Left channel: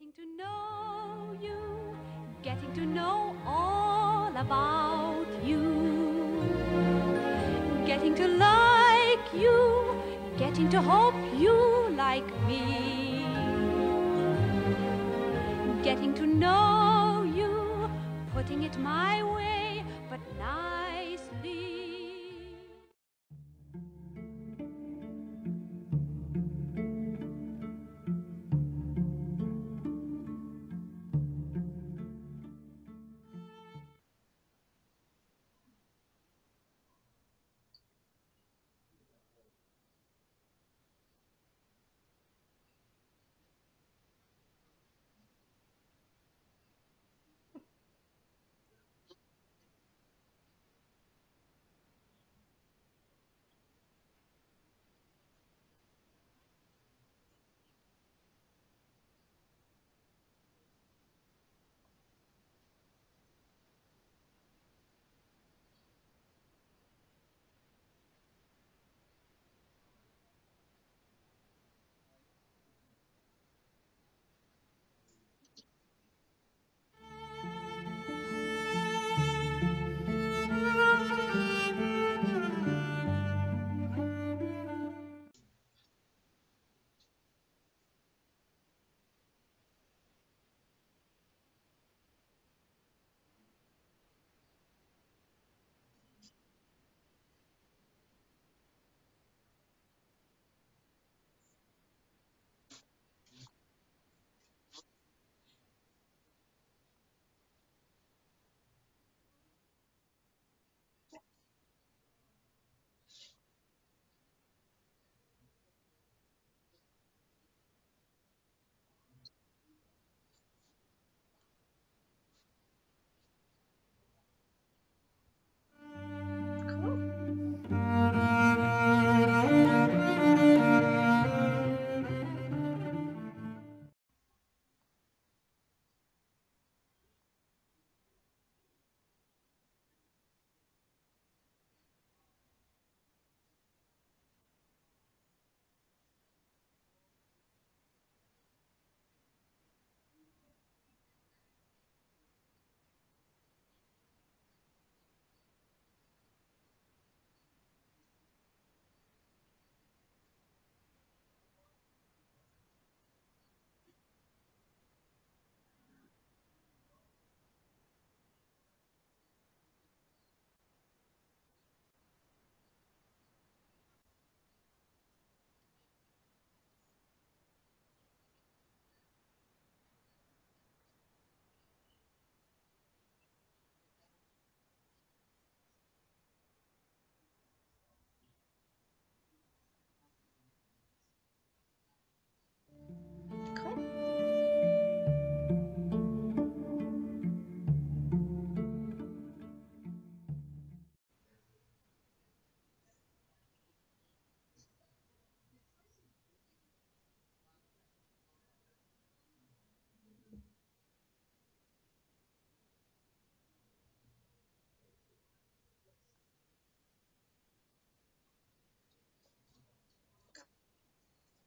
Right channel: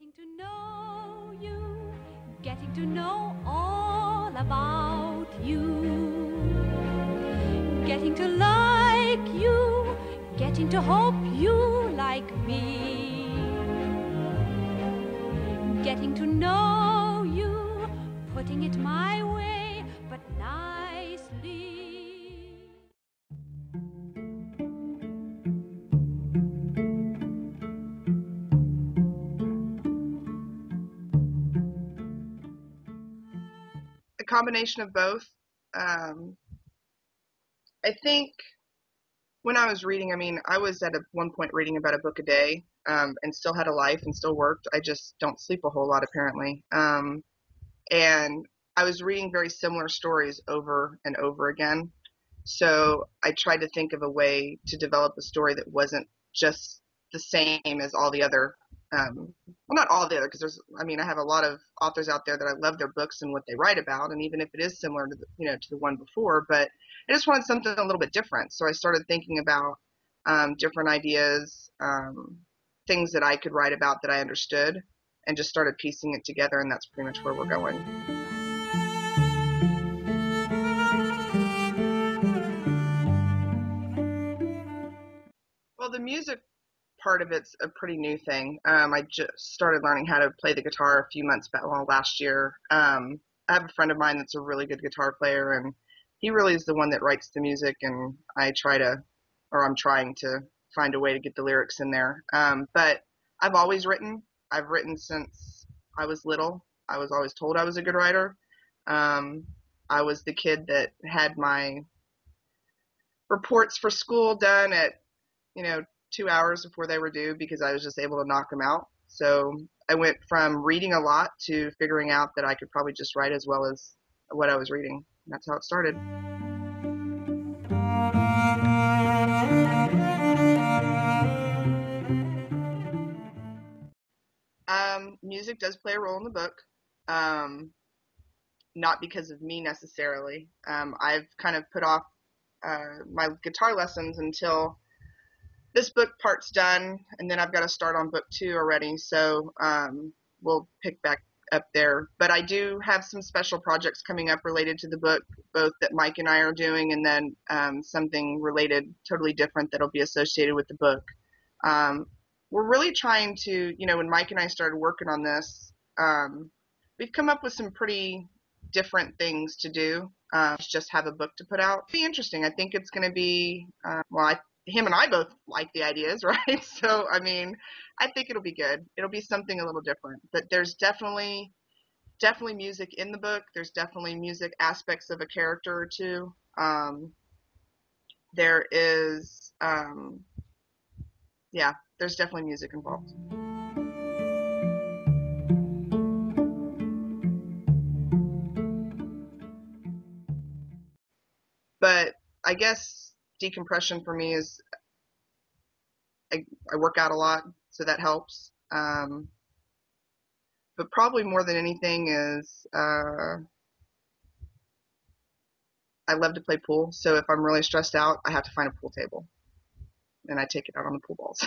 Getting to know you, getting to know all about you, getting to like you, getting to hope you like me, getting to know you, putting it my way, but nicely. A combination of both. I think when I was reading, I was at one point reading about a book a day, and still had a life and still worked. I just don't sleep a whole lot apparently. And I was reading very similar stories over and over again. So I tried to think of a way to develop a story that wasn't just the same as all the other, well, not all the other, because I have a lot of authors out there that I love their books and what they write about, and even if it is similar to to the one before, but I just wanted something a little bit different. So I started thinking about different ideas, things that I could write about that I understood, and just started piecing it together, and that's pretty much where we're going. Well, the music part of it's a pretty new thing. I just started learning how to play the guitar a few months back, well, last year. I have a friend of mine that's a really good guitar player, and he really is the one that writes the music, and I'm trying to find a way to get the lyrics in there. But I've always written. I've written since I was little. I was always told I was a good writer. Um, I was the kid that had my reports for school done at, you know, 2 hours before they were due because I was just able to knock them out. So I went from reading a lot to figuring out that I could probably just write as well as what I was reading. And that's how it started. Music does play a role in the book. Not because of me necessarily. I've kind of put off my guitar lessons until this book part's done, and then I've got to start on book 2 already, so we'll pick back up there. But I do have some special projects coming up related to the book, both that Mike and I are doing, and then something related, totally different, that'll be associated with the book. We're really trying to, when Mike and I started working on this, we've come up with some pretty different things to do. Just have a book to put out. It'll be interesting. I think it's going to be, him and I both like the ideas, right? So, I think it'll be good. It'll be something a little different. But there's definitely music in the book. There's definitely music aspects of a character or two. There is, there's definitely music involved. But I guess decompression for me is I work out a lot, so that helps. But probably more than anything is I love to play pool. So if I'm really stressed out, I have to find a pool table, and I take it out on the pool balls.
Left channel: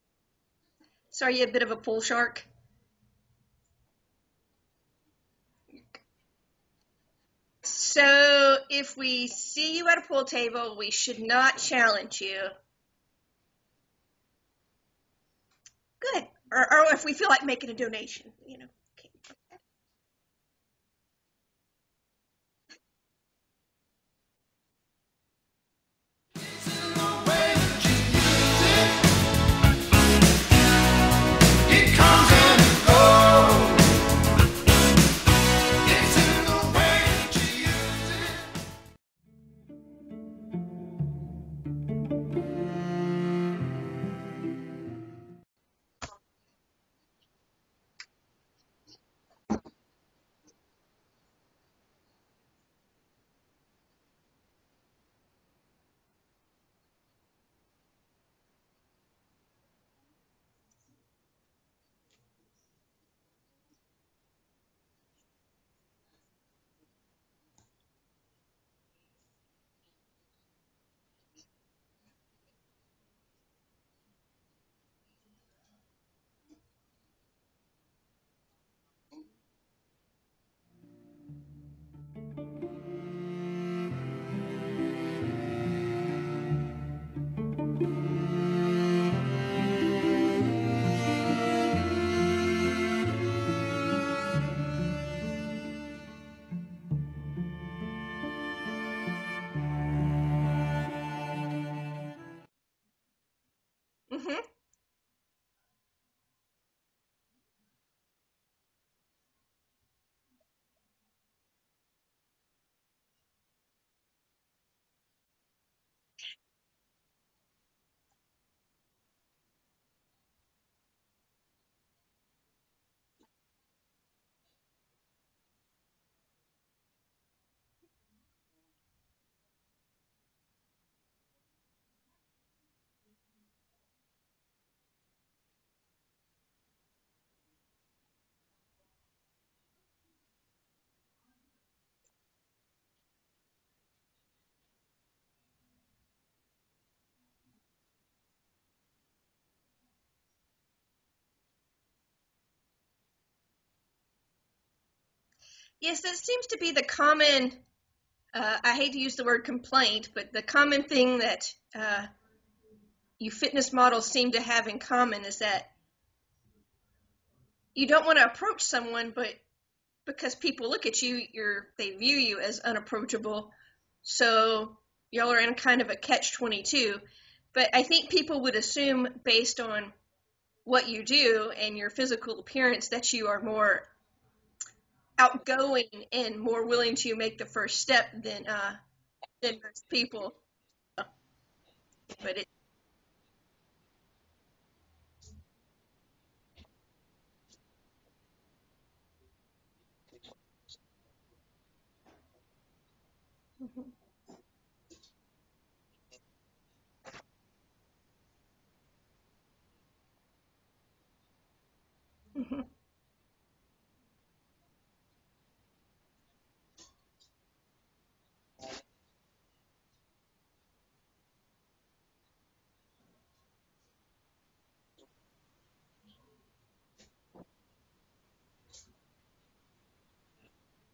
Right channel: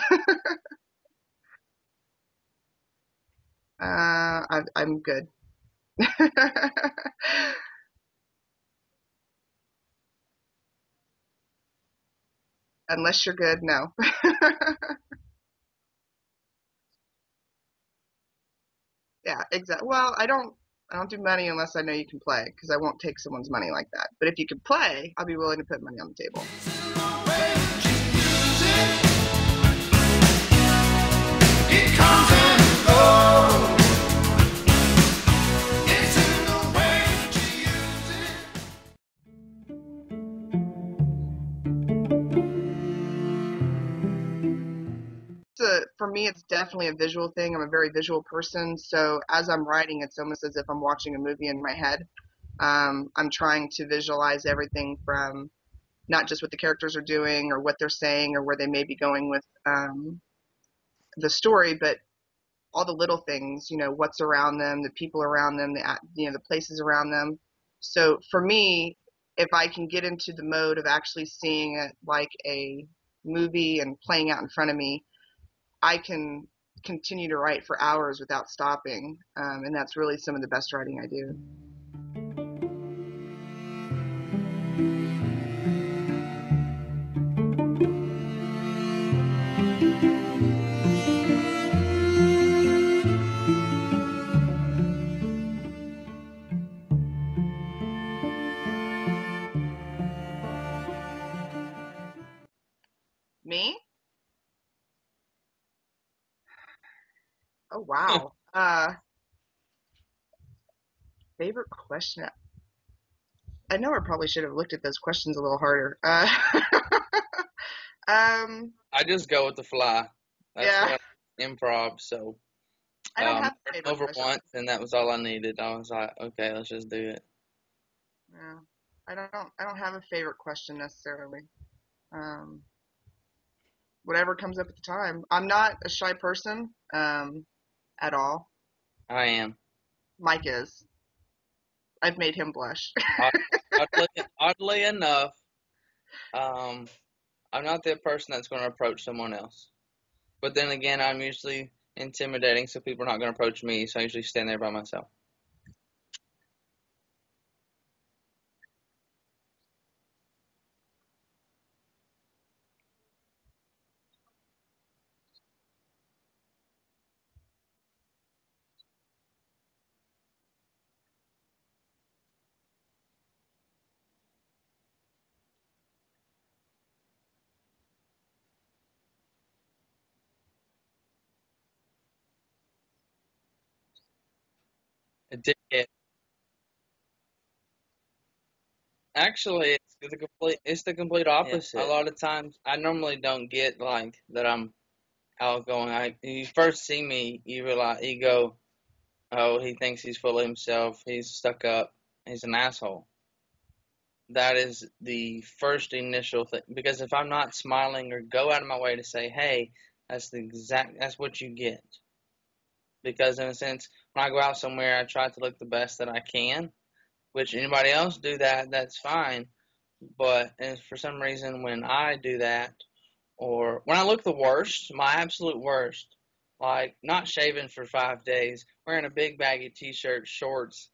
So are you a bit of a pool shark? I'm good. So if we see you at a pool table, we should not challenge you. Unless you're good, no. Good. Or if we feel like making a donation, Yeah, exactly. Well, I don't do money unless I know you can play, because I won't take someone's money like that. But if you can play, I'll be willing to put money on the table. It comes and goes. It's in the way that you use it. For me, it's definitely a visual thing. I'm a very visual person, so as I'm writing, it's almost as if I'm watching a movie in my head. I'm trying to visualize everything from not just what the characters are doing or what they're saying or where they may be going with the story, but all the little things, what's around them, the people around them, the places around them. So for me, if I can get into the mode of actually seeing it like a movie and playing out in front of me, I can continue to write for hours without stopping, and that's really some of the best writing I do. Me? Mm-hmm. Oh, wow. Favorite question? I know I probably should have looked at those questions a little harder. I just go with the fly. That's Yeah, what improv. So I don't have a heard favorite over question. once, and that was all I needed. I was like, okay, let's just do it. Yeah, I don't have a favorite question necessarily. Um, Whatever comes up at the time. I'm not a shy person, at all. I am. Mike is. I've made him blush. Oddly enough, um, I'm not the person that's going to approach someone else. But then again, I'm usually intimidating, so people are not going to approach me. So I usually stand there by myself. Yes, that seems to be the common, I hate to use the word complaint, but the common thing that you fitness models seem to have in common is that you don't want to approach someone, but because people look at you, they view you as unapproachable. So y'all are in kind of a catch-22. But I think people would assume, based on what you do and your physical appearance, that you are more outgoing and more willing to make the first step than Actually, people. it's the complete opposite. A lot of times, I normally don't get like that. I'm outgoing. You first see me, you go, oh, he thinks he's full of himself. He's stuck up. He's an asshole. Mhm. That is the first initial thing. Because if I'm not smiling or go out of my way to say, hey, that's what you get. Mhm. Because in a sense, when I go out somewhere, I try to look the best that I can. Which anybody else do that, that's fine. But for some reason, when I do that, or when I look the worst, my absolute worst, like not shaving for 5 days, wearing a big baggy t-shirt, shorts,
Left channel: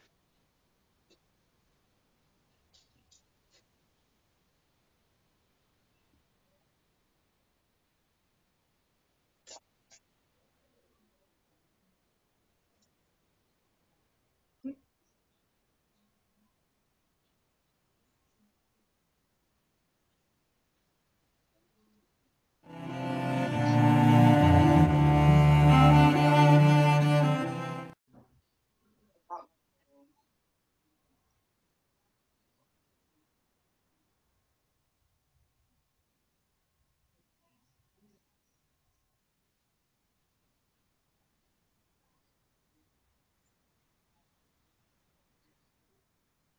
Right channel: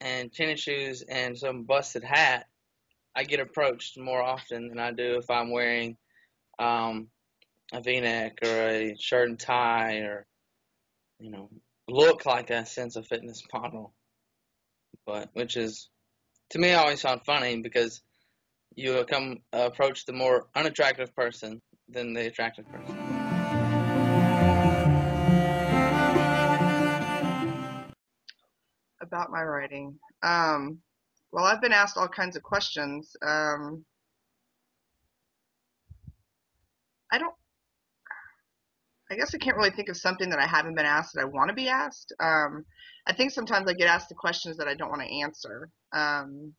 and tennis shoes, and some busted hat, I get approached more often than I do if I'm wearing a V-neck or a shirt and tie, or look like a sense of fitness model. But which is, to me, I always found funny because you approach the more unattractive person than the attractive person. About my writing. Well, I've been asked all kinds of questions. I don't. I guess I can't really think of something that I haven't been asked that I want to be asked. I think sometimes I get asked the questions that I don't want to answer, and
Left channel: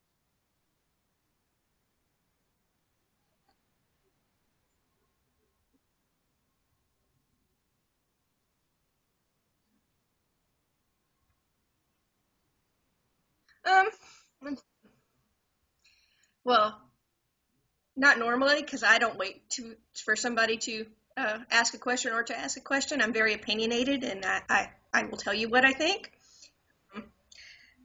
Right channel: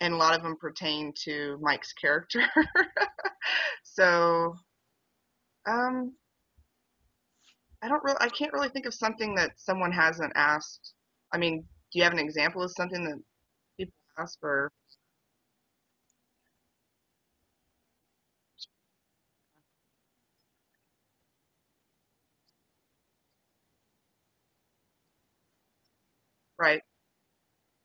a lot of them pertain to Mike's character. So, um, I can't really think of something that someone hasn't asked. I mean, do you have an example of something that Um, people asked, or? well, not normally, because I don't wait for somebody to ask a question or to ask a question. I'm very opinionated, and I will tell you what I think. Right.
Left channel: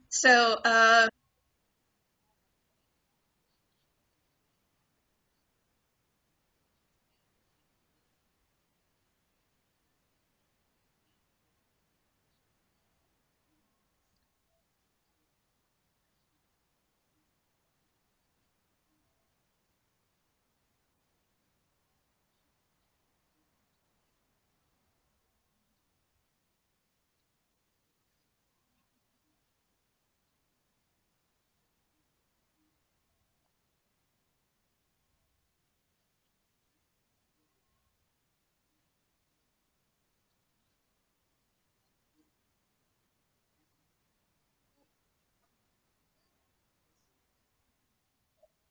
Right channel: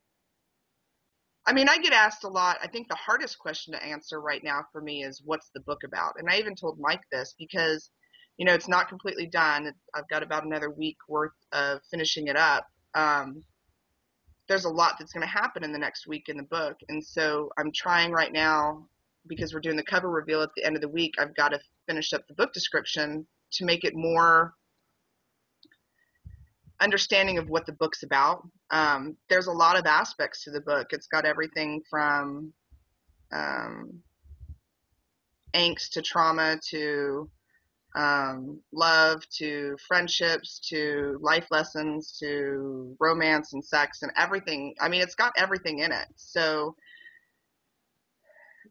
So, I mean, I get asked a lot. I think the hardest question to answer right now for me is, what's the book about? And I even told Mike this because, it's not completely done. I've got about another week worth of finishing it up. There's a lot that's going to happen in the next week in the book. And so I'm trying right now, because we're doing the cover reveal at the end of the week, I've got to finish up the book description to make it more understanding of what the book's about. There's a lot of aspects to the book. It's got everything from angst to trauma to love to friendships to life lessons to romance and sex and everything. I mean, it's got everything in it. So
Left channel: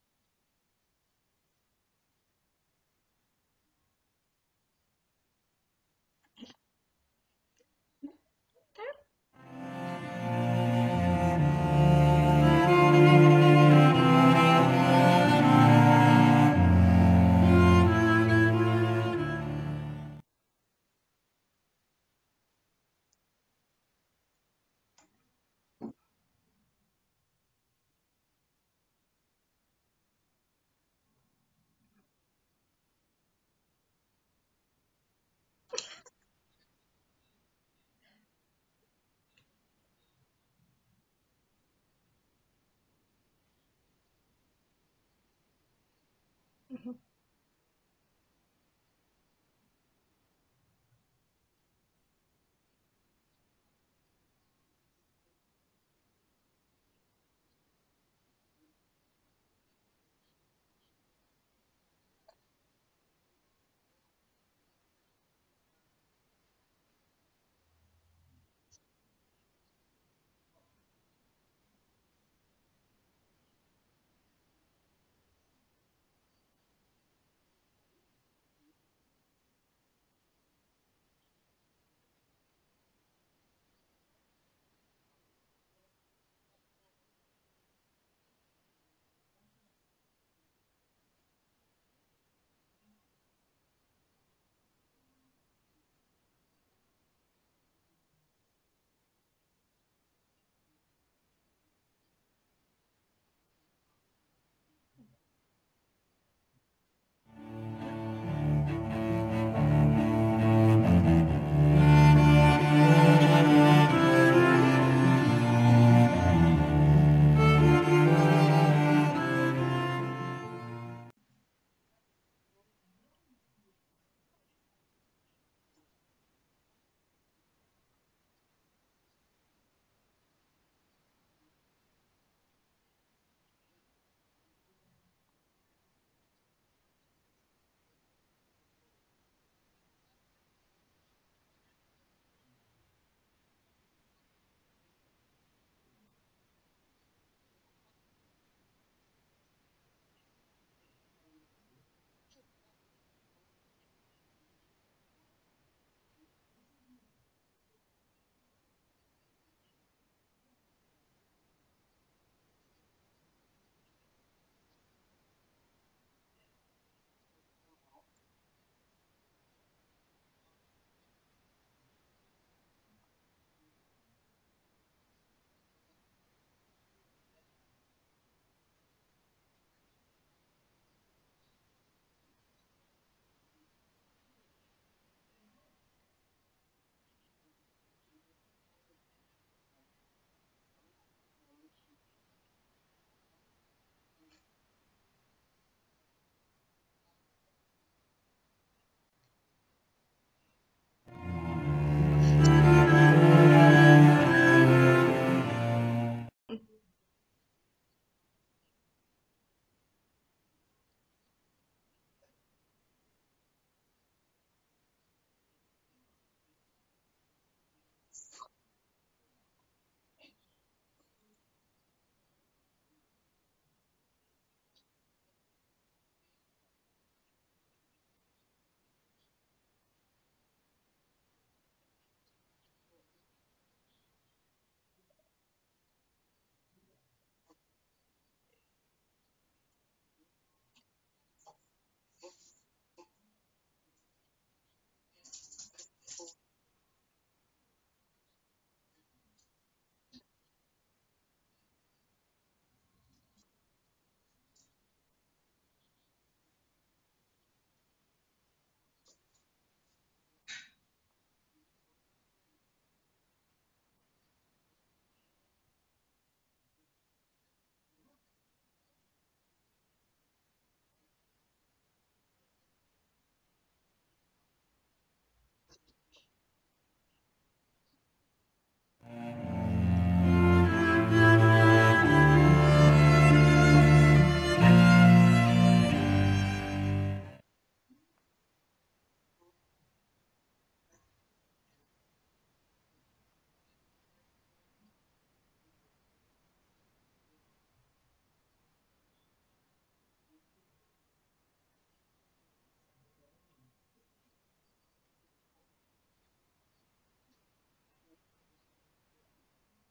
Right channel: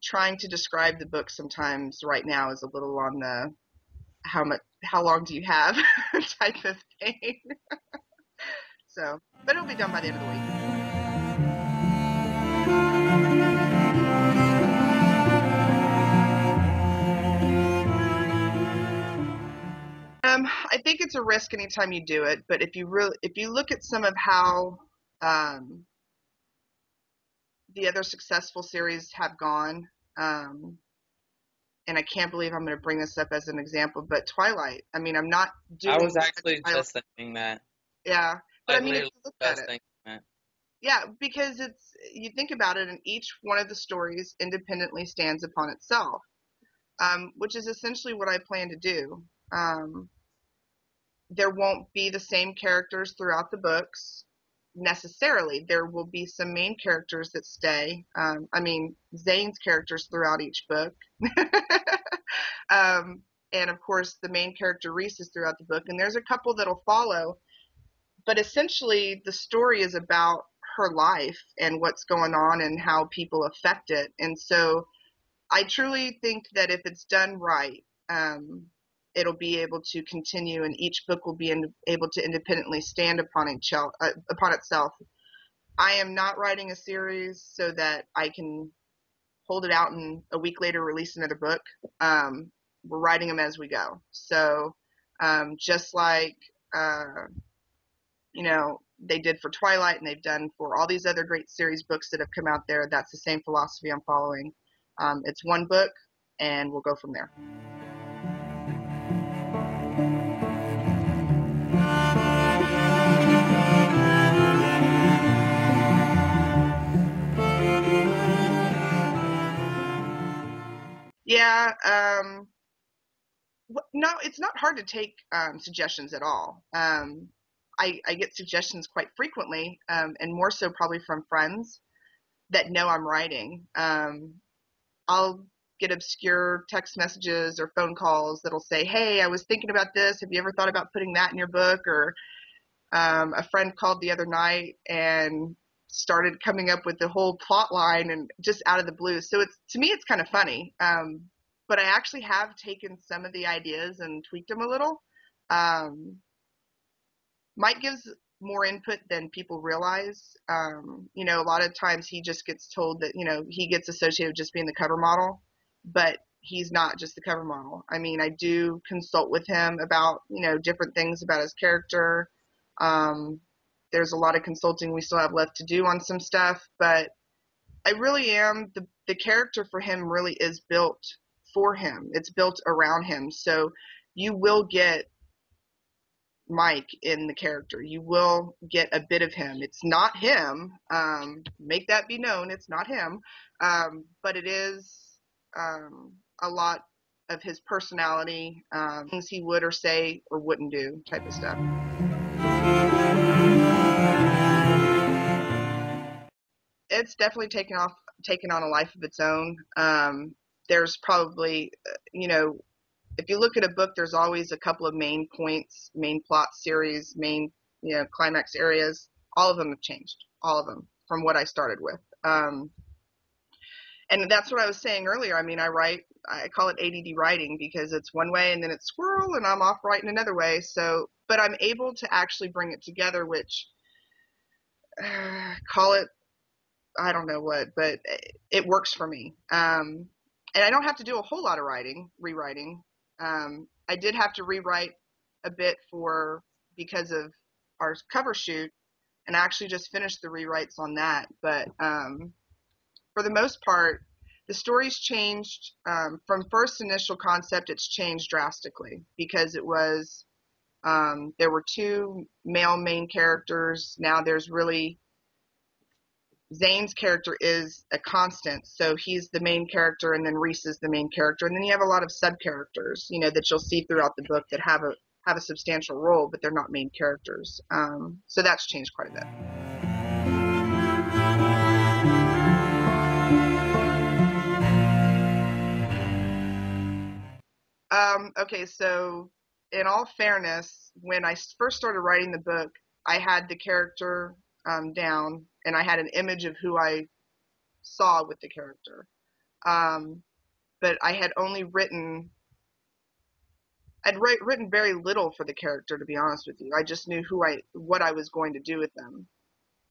trying to describe the book sometimes right now is a little on the how long do you have type of thing. So, but it'll be done by the end of the week. I think it's a risk anytime you do it, but if you look at some of how the other successful series have gone, and I can't believe I'm going to bring this up as an example, but Twilight. I mean, I'm not doing. I was actually just thinking that. Yeah, but I I mean, if literally you look just at it, thinking that. yeah, because you think about it, and each one of the stories independently stands upon itself, which is essentially what I plan to do. There won't be the same characters throughout the books necessarily. There will be some main characters that stay. I mean, Zane's characters throughout each book. And of course, the main character Reese is throughout the book, and there's a couple that'll follow. But essentially, the story is about her life and what's going on and how people affect it. And so I truly think that if it's done right, it'll be able to continue, and each book will be able to independently stand upon itself. I am not writing a series so that I can hold it out and a week later release another book. We're writing them as we go. So just like they did for Twilight, and they've done for all these other great series books that have come out there, that's the same philosophy I'm following. It's one book, and we'll go from there. Yeah, no, it's not hard to take suggestions at all. I get suggestions quite frequently, and more so probably from friends that know I'm writing. I'll get obscure text messages or phone calls that'll say, "Hey, I was thinking about this. Have you ever thought about putting that in your book?" Or a friend called the other night and started coming up with the whole plot line, and just out of the blue. So to me, it's kind of funny. But I actually have taken some of the ideas and tweaked them a little. Mike gives more input than people realize. A lot of times he just gets told that, he gets associated with just being the cover model, but he's not just the cover model. I mean, I do consult with him about, different things about his character. There's a lot of consulting we still have left to do on some stuff, but I really am, the character for him really is built for him. It's built around him. So you will get Mike in the character. You will get a bit of him. It's not him. Make that be known. It's not him. But it is a lot of his personality, things he would or say or wouldn't do type of stuff. It's definitely taken on a life of its own. There's probably, if you look at a book, there's always a couple of main points, main plot series, main, climax areas. All of them have changed, all of them, from what I started with. And that's what I was saying earlier. I mean, I call it ADD writing, because it's one way and then it's squirrel and I'm off writing another way. So, but I'm able to actually bring it together, which, call it, I don't know what, but it works for me. And I don't have to do a whole lot of rewriting. I did have to rewrite a bit because of our cover shoot, and I actually just finished the rewrites on that. But for the most part, the story's changed. From first initial concept, it's changed drastically, because it was, there were two male main characters. Now there's really, Zane's character is a constant, so he's the main character, and then Reese is the main character, and then you have a lot of sub characters, that you'll see throughout the book that have a substantial role, but they're not main characters. So that's changed quite a bit. Okay, so in all fairness, when I first started writing the book, I had the character down, and I had an image of who I saw with the character. But I had only written very little for the character, to be honest with you. I just knew what I was going to do with them.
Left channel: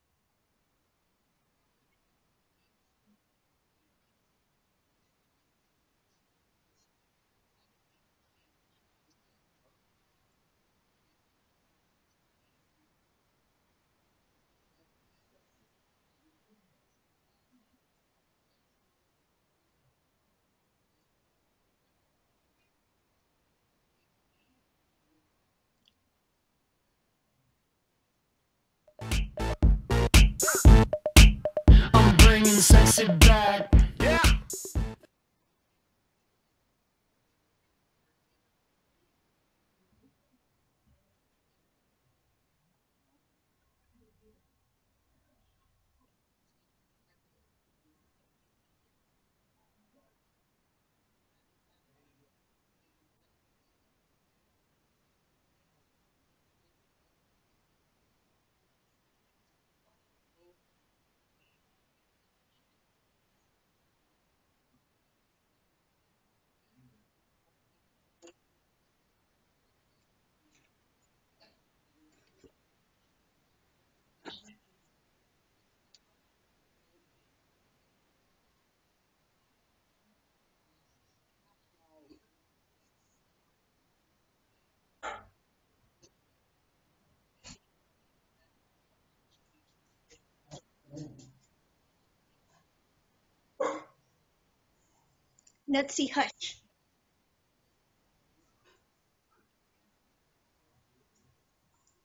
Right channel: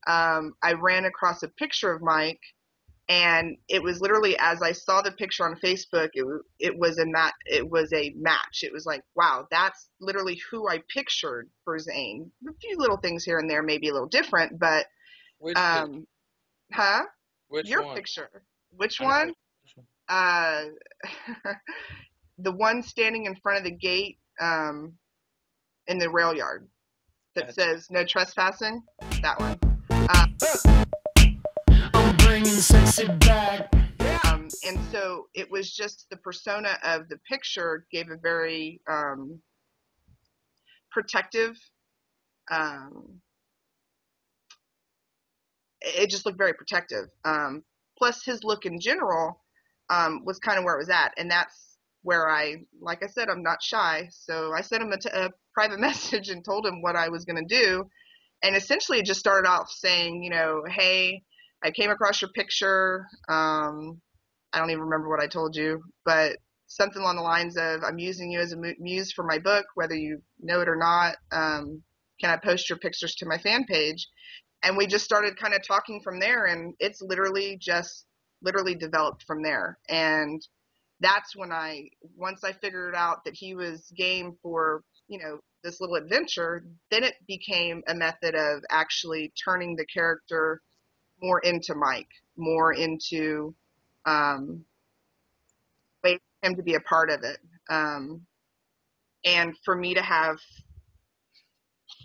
I ran across a picture of Mike And it was literally, as I saw the picture on Facebook, it was a match. It was like, wow, that's literally who I pictured for Zane. A few little things here and there may be a little different, but Which picture? huh? Which Your one? picture. Which I know one? which one. Uh, the one standing in front of the gate in the rail yard that Gotcha. says no trespassing. That one. I'm bringing sexy back. And so it was just the persona of the picture gave a very protective. Um, it just looked very protective. Plus, his look in general was kind of where it was at, and that's where like I said, I'm not shy, so I sent him a private message and told him what I was going to do, and essentially it just started off saying, hey, I came across your picture. I don't even remember what I told you, but something along the lines of, I'm using you as a muse for my book, whether you know it or not. Can I post your pictures to my fan page? And we just started kind of talking from there, and it's literally developed from there. And that's when once I figured out that he was game for, this little adventure, then it became a method of actually turning the character more into Mike, more into Nutsy waiting Hutch. for him to be a part of it. And for me to have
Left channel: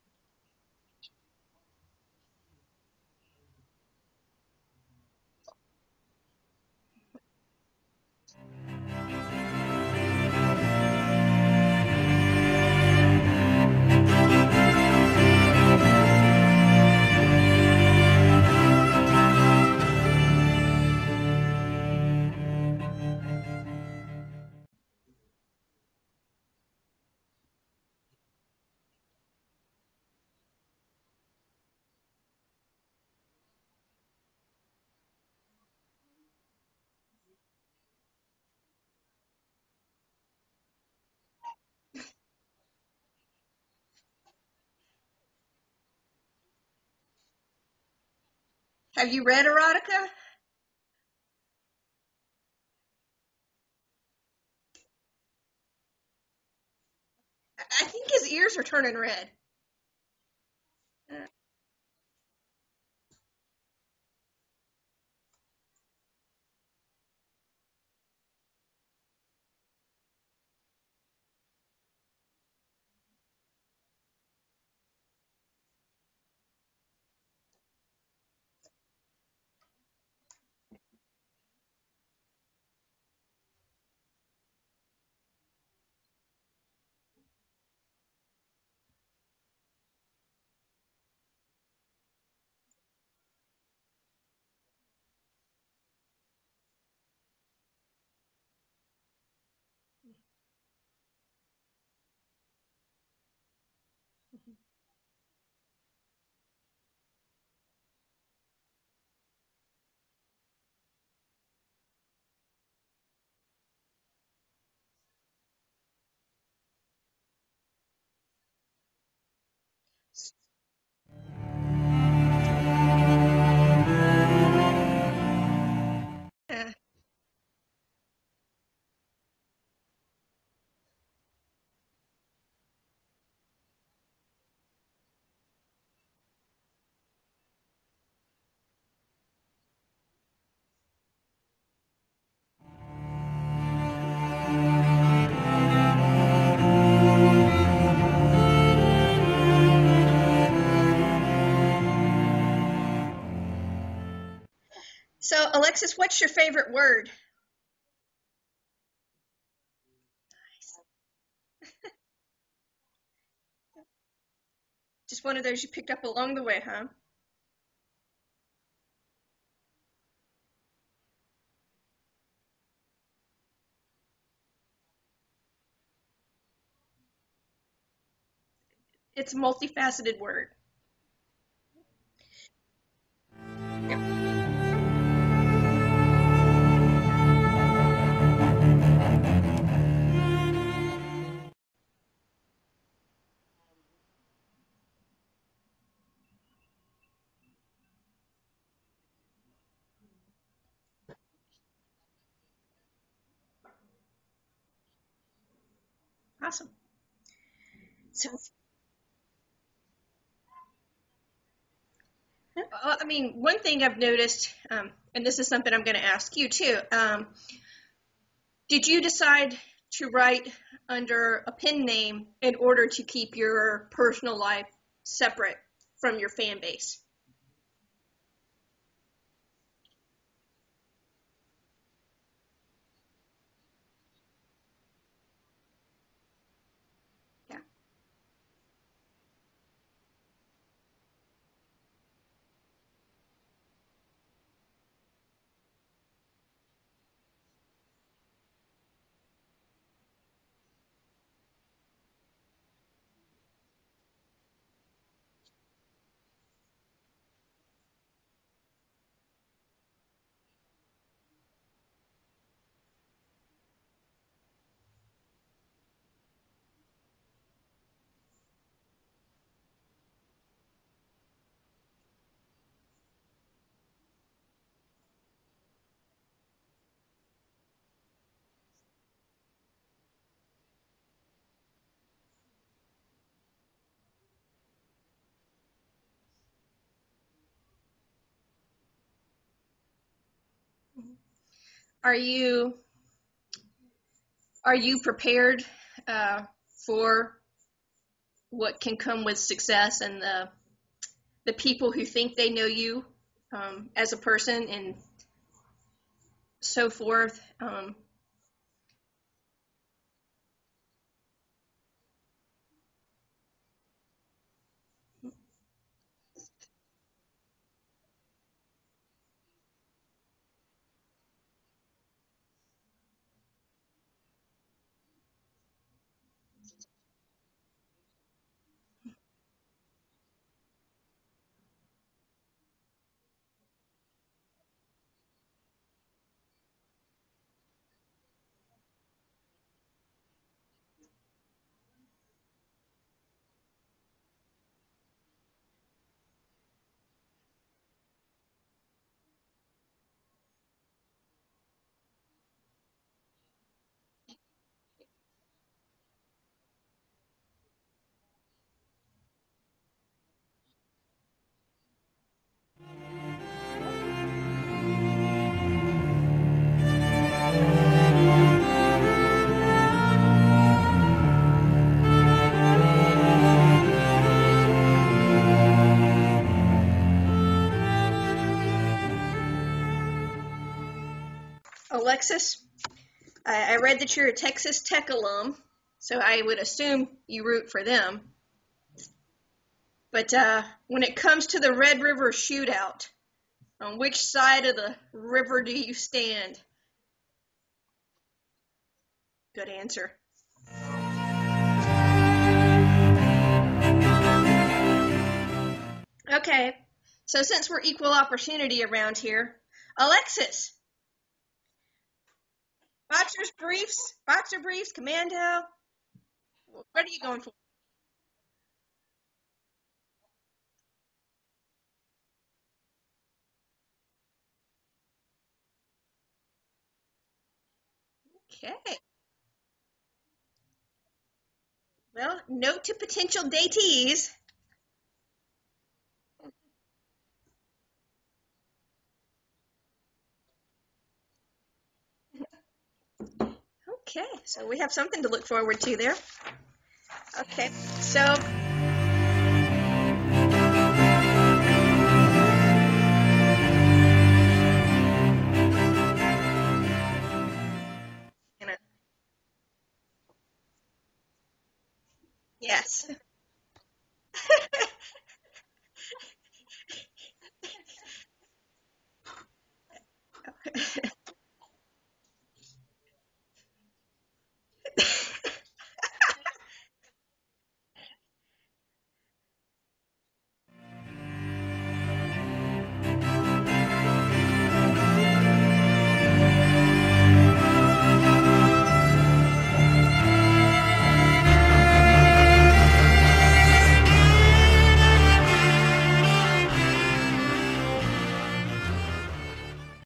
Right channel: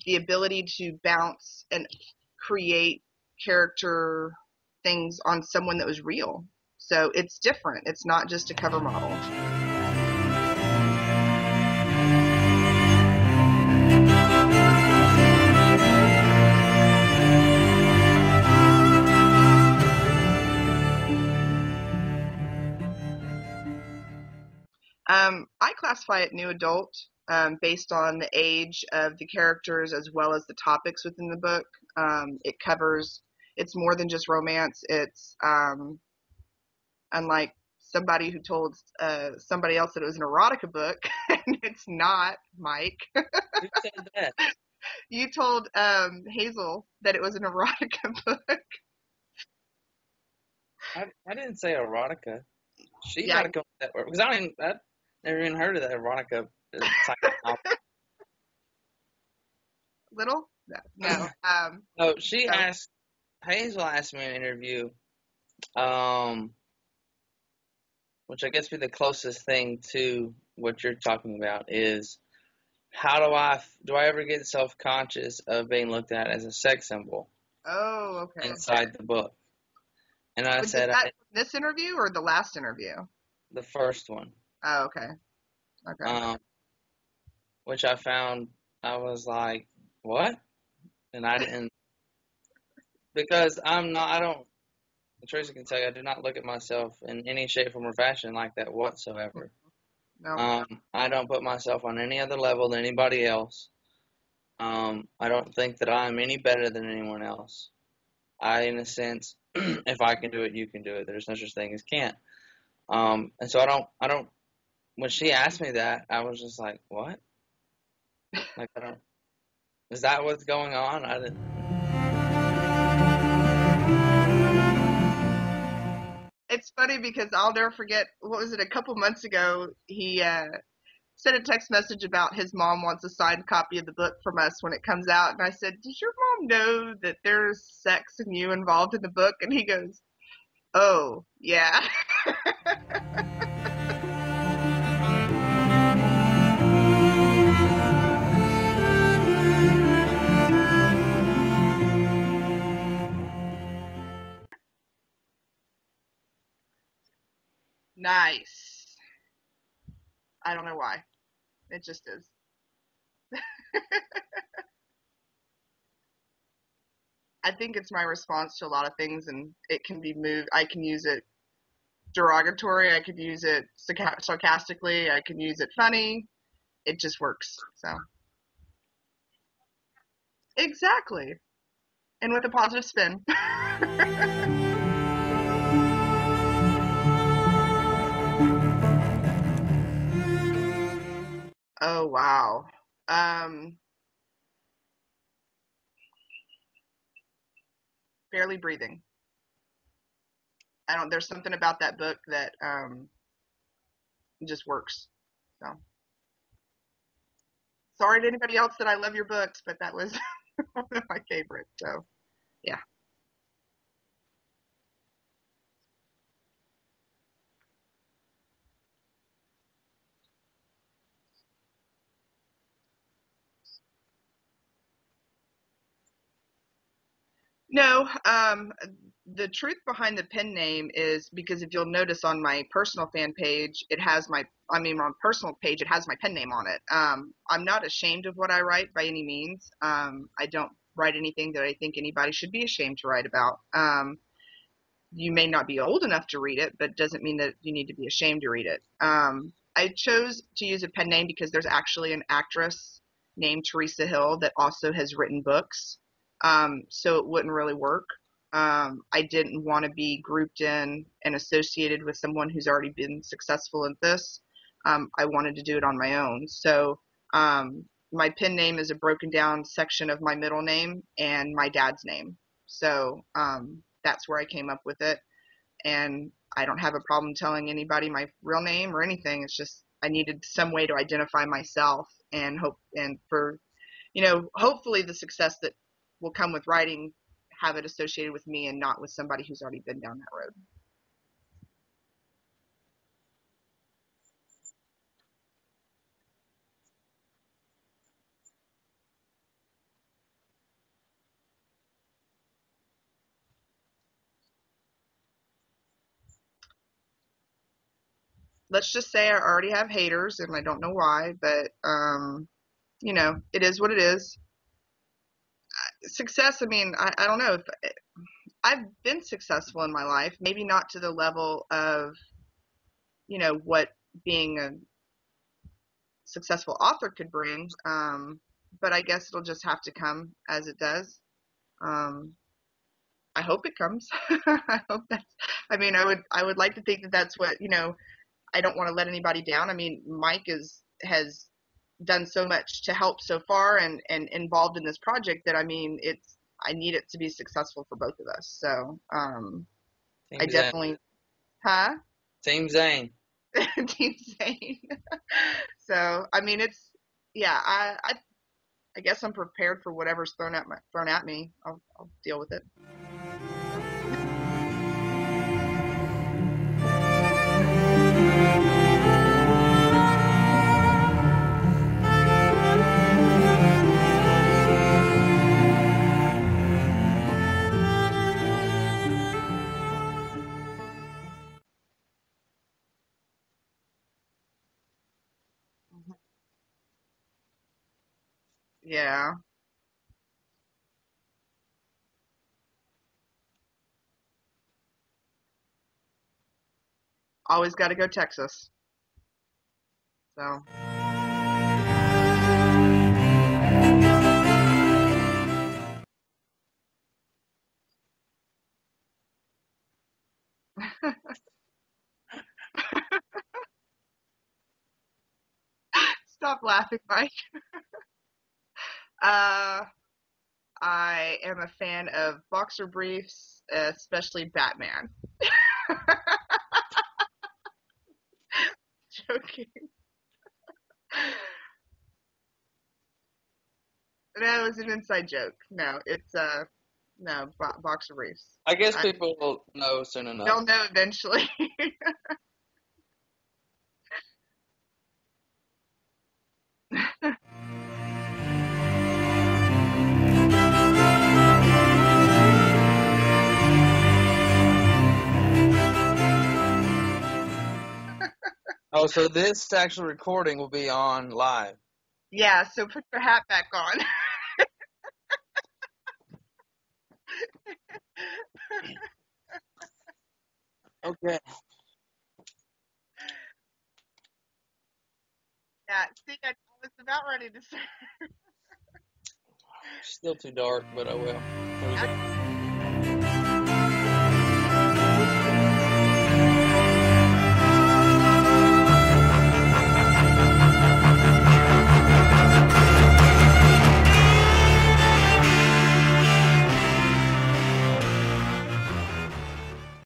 the ability to bounce and create character things on someone that was real. So it's different. It's not just a cover model. I classify it new adult based on the age of the characters as well as the topics within the book. It's more than just romance. It's unlike somebody who told somebody else that it was an erotica book, and it's not, Mike. Who said that? You told Hazel that it was an erotica book. Have you read erotica? I didn't say erotica. She Yeah. might have come with that word because I've never even heard of that erotica type of novel. I think his ears are turning red. Little? No. No, she No. Hazel asked me in an interview, which I guess be the closest thing to what you're talking about is how do I ever get self-conscious of being looked at as a sex symbol Oh, okay. inside the book? And I Was said, that this interview or the last interview? the first one, Oh, okay. Okay. which I found, I was like, what? And I didn't, because I don't, Tracy can tell you, I do not look at myself in any shape, form, or fashion like that whatsoever. No. I don't put myself on any other level than anybody else. I don't think that I'm any better than anyone else. In a sense, if I can do it, you can do it. There's no such thing as can't. And so I don't, when she asked me that, I was just like, what? Like, is that what's going on? I didn't. It's funny because I'll never forget, what was it, a couple months ago, he sent a text message about his mom wants a signed copy of the book from us when it comes out. And I said, does your mom know that there's sex and you involved in the book? And he goes, oh, yeah. So, Alexis, what's your favorite word? Nice. I don't know why. It just is. Just one of those you picked up along the way, huh? I think it's my response to a lot of things, and it can be moved. I can use it derogatory. I could use it sarcastically. I can use it funny. It just works. So It's a multifaceted word. exactly, and with a positive spin. Oh wow. Barely breathing. There's something about that book that just works. So Awesome. sorry to anybody else that I love your books, but that was one of my favorites. So yeah. Well, I mean, one thing I've noticed, and this is something I'm going to ask you too. Did you decide to write under a pen name in order to keep your personal life separate from your fan base? No, the truth behind the pen name is because if you'll notice on my personal fan page, on personal page, it has my pen name on it. I'm not ashamed of what I write by any means. I don't write anything that I think anybody should be ashamed to write about. You may not be old enough to read it, but doesn't mean that you need to be ashamed to read it. I chose to use a pen name because there's actually an actress named Teresa Hill that also has written books. So it wouldn't really work. I didn't want to be grouped in and associated with someone who's already been successful at this. I wanted to do it on my own. So my pen name is a broken down section of my middle name and my dad's name. So that's where I came up with it. And I don't have a problem telling anybody my real name or anything. It's just I needed some way to identify myself and hopefully the success that will come with writing have it associated with me and not with somebody who's already been down that road. Are you prepared for what can come with success and the people who think they know you as a person and so forth? Let's just say I already have haters, and I don't know why, but it is what it is. Success, I mean, I don't know if I've been successful in my life, maybe not to the level of, what being a successful author could bring, but I guess it'll just have to come as it does. I hope it comes. I would like to think that that's what, I don't want to let anybody down. I mean, Mike has done so much to help so far and involved in this project that, I need it to be successful for both of us. So, I definitely, huh? Team Zane. Team Zane. So, I guess I'm prepared for whatever's thrown at me. I'll deal with it. Alexis, I read that you're a Texas Tech alum, so I would assume you root for them. Yeah. But when it comes to the Red River Shootout, on which side of the river do you stand? Always got to go Texas. Good answer. So. Okay, so since we're equal opportunity around here, Alexis, boxer briefs, commando. Stop laughing, What are you Mike. going for? I am a fan of boxer briefs, especially Batman. Okay. Joking. Well, note to potential datees. That was an inside joke. No, it's boxer briefs. I guess people will know soon enough. They'll know eventually. Okay, so we have something to look forward to there. Okay, so Oh, so this actual recording will be on live. Yeah, Yes. So put your hat back on. Okay. Yeah, I was about ready to say. Still too dark, but I will.